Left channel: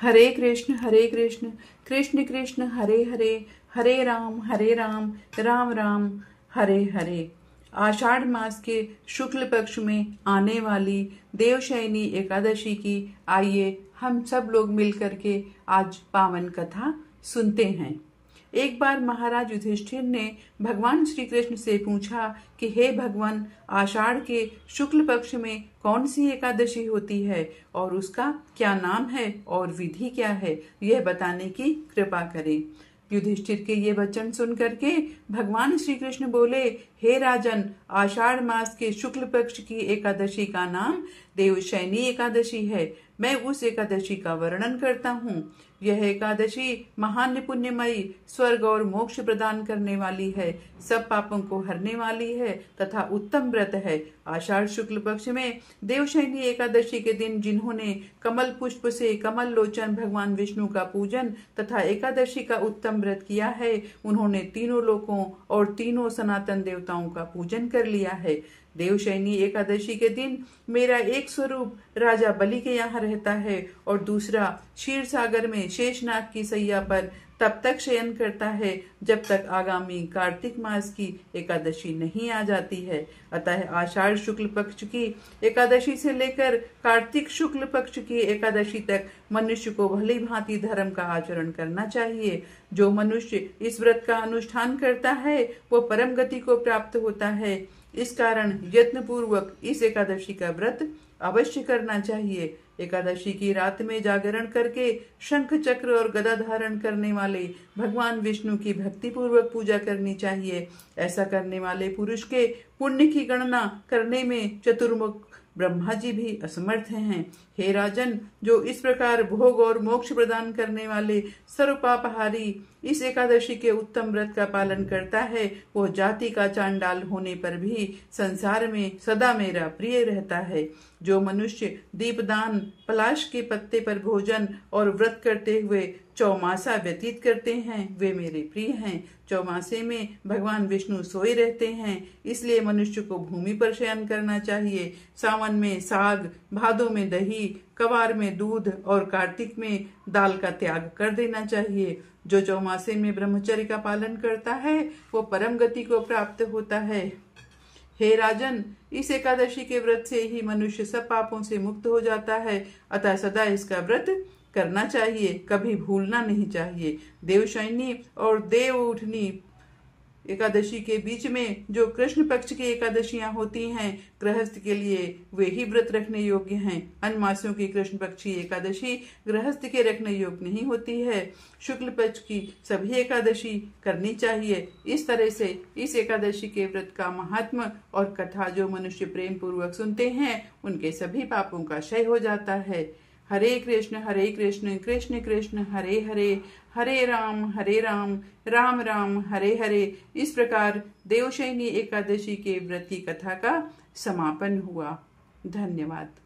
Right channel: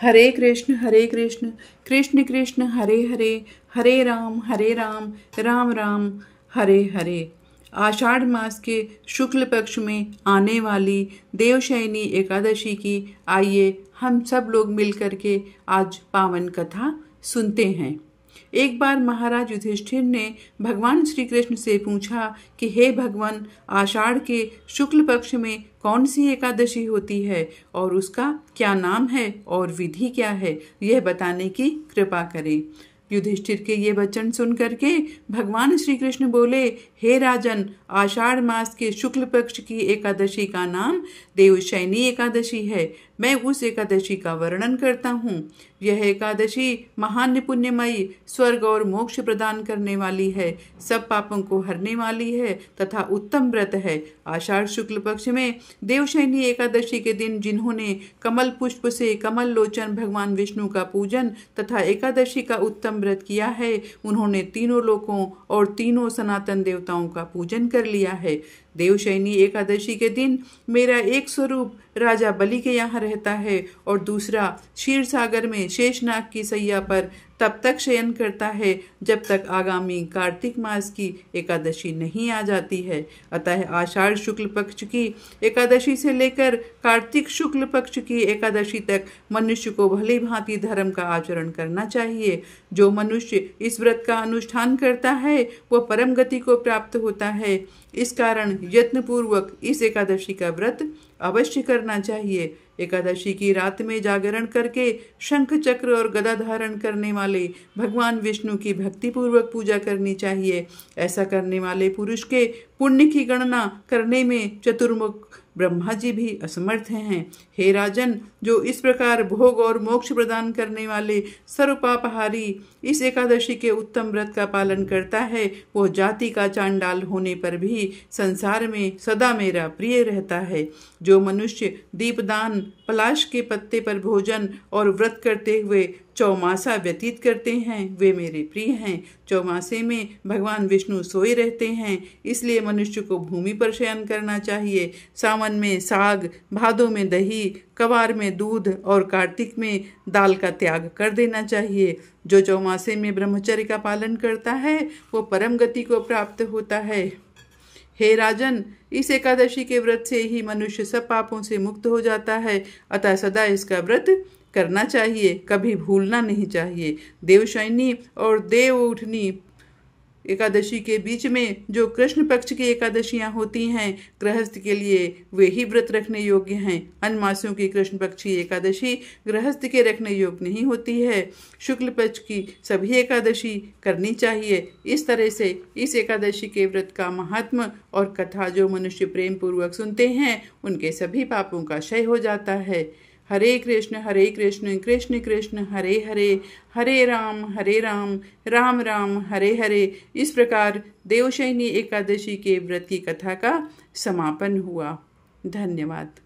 हरे कृष्ण कृष्ण कृष्ण हरे हरे, हरे राम राम राम हरे हरे। आषाढ़ मास के शुक्ल पक्ष में आने वाली देवशयनी एकादशी की आइए हम सब लोग मिलकर के आज पावन कथा सुनते हैं। एक बार महाराज युधिष्ठिर ने भगवान श्री कृष्ण से पूछा कि हे भगवान, आषाढ़ के शुक्ल पक्ष में कौन सी एकादशी होती है और उसका क्या नाम है और विधि क्या है, यह बताने की कृपा करें। युधिष्ठिर के ये वचन सुन करके भगवान श्री कृष्ण बोले, हे राजन, आषाढ़ मास के शुक्ल पक्ष की एकादशी का नाम देवशयनी एकादशी है। मैं उस एकादशी का वर्णन करता हूँ। यह एकादशी महान पुण्यमयी, स्वर्ग और मोक्ष प्रदान करने वाली है, सब पापों को हरने वाली है तथा उत्तम व्रत है। आषाढ़ शुक्ल पक्ष में देवशयनी एकादशी के दिन जिन्होंने कमल पुष्प से कमल लोचन भगवान विष्णु का पूजन तथा एकादशी का उत्तम व्रत किया है, उन्होंने तीनों लोकों और तीनों सनातन देवताओं का पूजन कर लिया है। देवशयनी एकादशी के दिन मेरा एक स्वरूप राजा बलि के यहाँ रहता है और दूसरा क्षीर सागर में शेषनाग की सैया पर तब तक शयन करता है जब तक आगामी कार्तिक मास की एकादशी नहीं आ जाती है। अतः आषाढ़ शुक्ल पक्ष की एकादशी से लेकर कार्तिक शुक्ल पक्ष की एकादशी तक मनुष्य को भली भांति धर्म का आचरण करना चाहिए। जो मनुष्य इस व्रत का अनुष्ठान करता है वह परम गति को प्राप्त होता है। इस कारण यत्न पूर्वक इस एकादशी का व्रत अवश्य करना चाहिए। एकादशी की रात में जागरण करके शंख चक्र और गदा धारण करने वाले भगवान विष्णु की भक्ति पूर्वक पूजा करनी चाहिए। ऐसा करने वाले पुरुष के पुण्य की गणना करने में चतुर्मुख ब्रह्मा जी भी असमर्थ हैं। हे राजन, जो इस प्रकार भोग और मोक्ष प्रदान करने वाले सर्वपापहारी इस एकादशी के उत्तम व्रत का पालन करता है, वो जाति का चांडाल होने पर भी संसार में सदा मेरा प्रिय रहता है। जो मनुष्य दीपदान, पलाश के पत्ते पर भोजन और व्रत करते हुए चौमासा व्यतीत करते हैं, वे मेरे प्रिय हैं। चौमासे में भगवान विष्णु सोए रहते हैं, इसलिए मनुष्य को भूमि पर शयन करना चाहिए। सावन में साग, भादों में दही, कवार में दूध और कार्तिक में दाल का त्याग कर देना चाहिए। जो चौमासे में ब्रह्मचर्य का पालन करता है वो परम गति को प्राप्त होता है। हे राजन, इस एकादशी के व्रत से ही मनुष्य सब पापों से मुक्त हो जाता है, अतः सदा इसका व्रत करना चाहिए, कभी भूलना नहीं चाहिए। देवशयनी और देव उठनी एकादशी के बीच में जो कृष्ण पक्ष की एकादशियां होती हैं, गृहस्थ के लिए वे ही व्रत रखने योग्य हैं। अन्य मासों की कृष्ण पक्ष की एकादशी गृहस्थ के रखने योग्य नहीं होती है। शुक्ल पक्ष की सभी एकादशी करनी चाहिए। इस तरह से इस एकादशी के व्रत का महात्म और कथा जो मनुष्य प्रेम पूर्वक सुनते हैं, उनके सभी पापों का क्षय हो जाता है। हरे कृष्ण कृष्ण कृष्ण हरे हरे, हरे राम राम राम हरे हरे। इस प्रकार देवशयनी एकादशी के व्रत की कथा का समापन हुआ। धन्यवाद।